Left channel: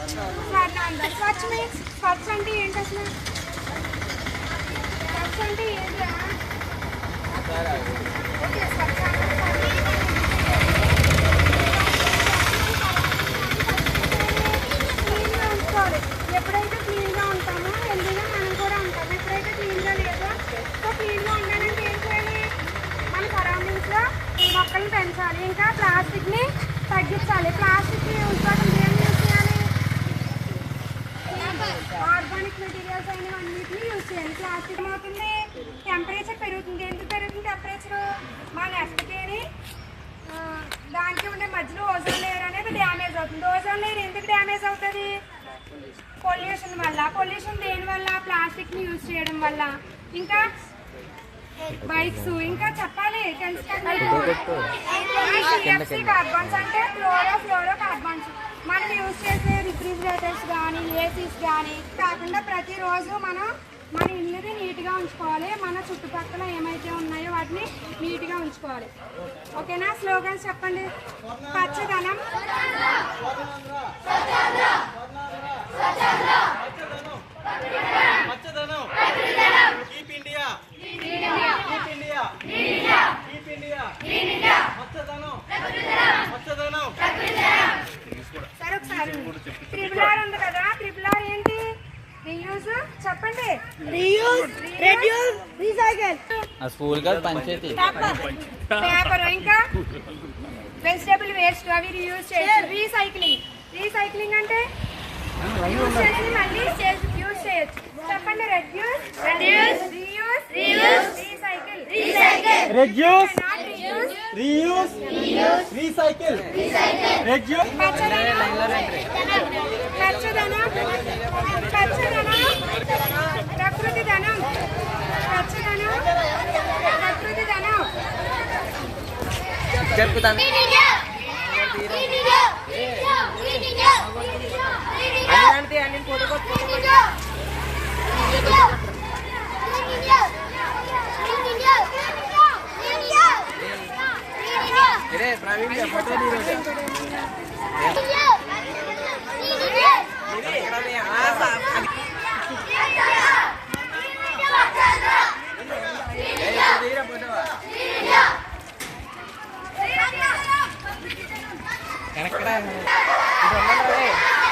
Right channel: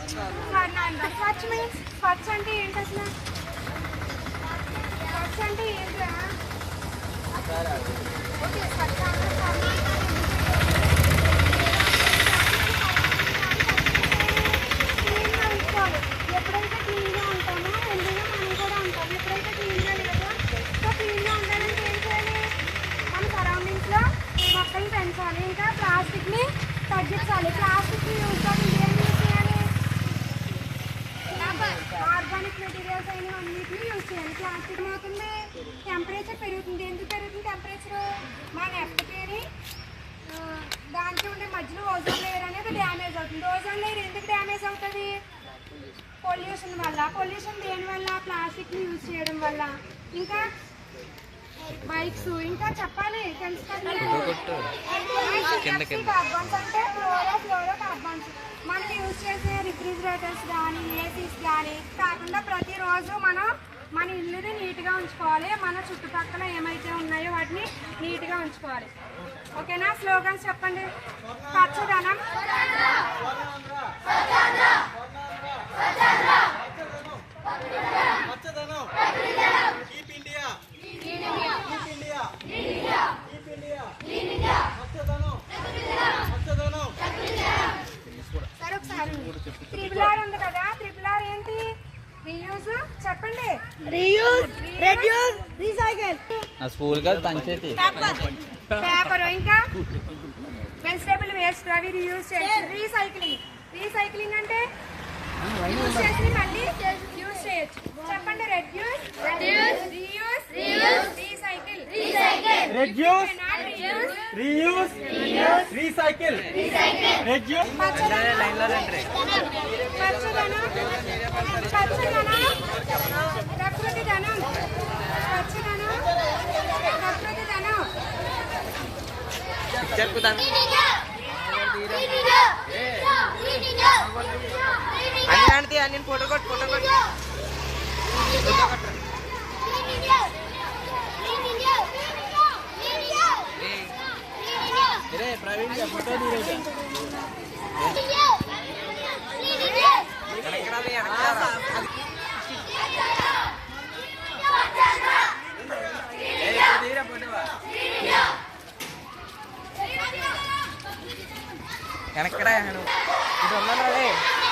స్వర్ణాంద స్వచ్ఛ means స్వచ్ఛ అంటే ఏంటి అసలు? స్వచ్ఛ అంటే ఏంట్రా? ఓకే స్వచ్ఛ క్లీన్గా ఉంచుకోవాలి ఎప్పుడైతే క్లీన్గా ఉంటామో హెల్దీగా మనం కూడా ఉంటాం ఎప్పుడైతే క్లీన్గా లేదో సో క్లీన్గా ఉండాలంటే ఏం చేయాలి? మన సరౌండింగ్స్లో మొక్కలు పెంచాలి. ఇంకా ప్లాస్టిక్ని తగ్గించాలి. ప్లాస్టిక్ యూజ్ చేయడం ఏం యూజ్ చేయాలి ఆర్గానిక్ మెటీరియల్స్ అయిన అన్నిటిని ప్లాస్టిక్ ఏమవుతుంది టెంపరేచర్ పెరుగుతుంది. ఎందుకు పెరుగుతుంది టెంపరేచర్ మన ఎఫ్ట్కేని దానికి ఉండే మధ్యలో ఓజోన్ లేయర్ అనేది డ్యామేజ్ అవుతుంది. ఓజోన్ లేయర్ ఎందుకు డ్యామేజ్ అవుతుంది? పొల్యూషన్ వల్ల. పొల్యూషన్ దేని వల్ల? ప్లాస్టిక్ని యూజ్ చేయడం వల్ల. ఇంకా బైక్స్ ఇంకా చెప్పాలి. తెలుసు కార్బన్స్ అంటే క్లోరో ఫ్లోరో కార్బన్స్ మనం యూజ్ చేసే రిఫ్రిజిరేటర్స్ కానీ ఏసీస్ కానీ కాకుండా ప్రతిరోజు మనం మన ఇల్లుని నీట్గా ఉంచుకోవాలి. మన చుట్టుపక్కల ఏమైతే ఉన్నాయో వాటిని నీట్గా ఉంచుకోవాలి. ఓకేనా? స్లోగన్స్ చెప్పండి. పచ్చదనం. పచ్చదనం చెప్పండి రీయూజ్ రెడ్యూస్ రీసైకిల్ ఆ స్కూల్ కాదు పంచాయతీ పేపర్ ఇంకా వెజిటబుల్ వేస్ట్ అవి రీయూజ్ చేయొచ్చు రీసైక్లింగ్ రీసైక్లింగ్ అంటే యూజ్ చేసి మళ్ళీ యూజ్ చేయొచ్చు చెప్పండి reduce reduce reuse reuse recycle recycle reduce reuse reuse recycle reduce పచ్చదనం పచ్చదనం Jep nanti angin foto kot foto kot. Ini foto. Eres crack. Y.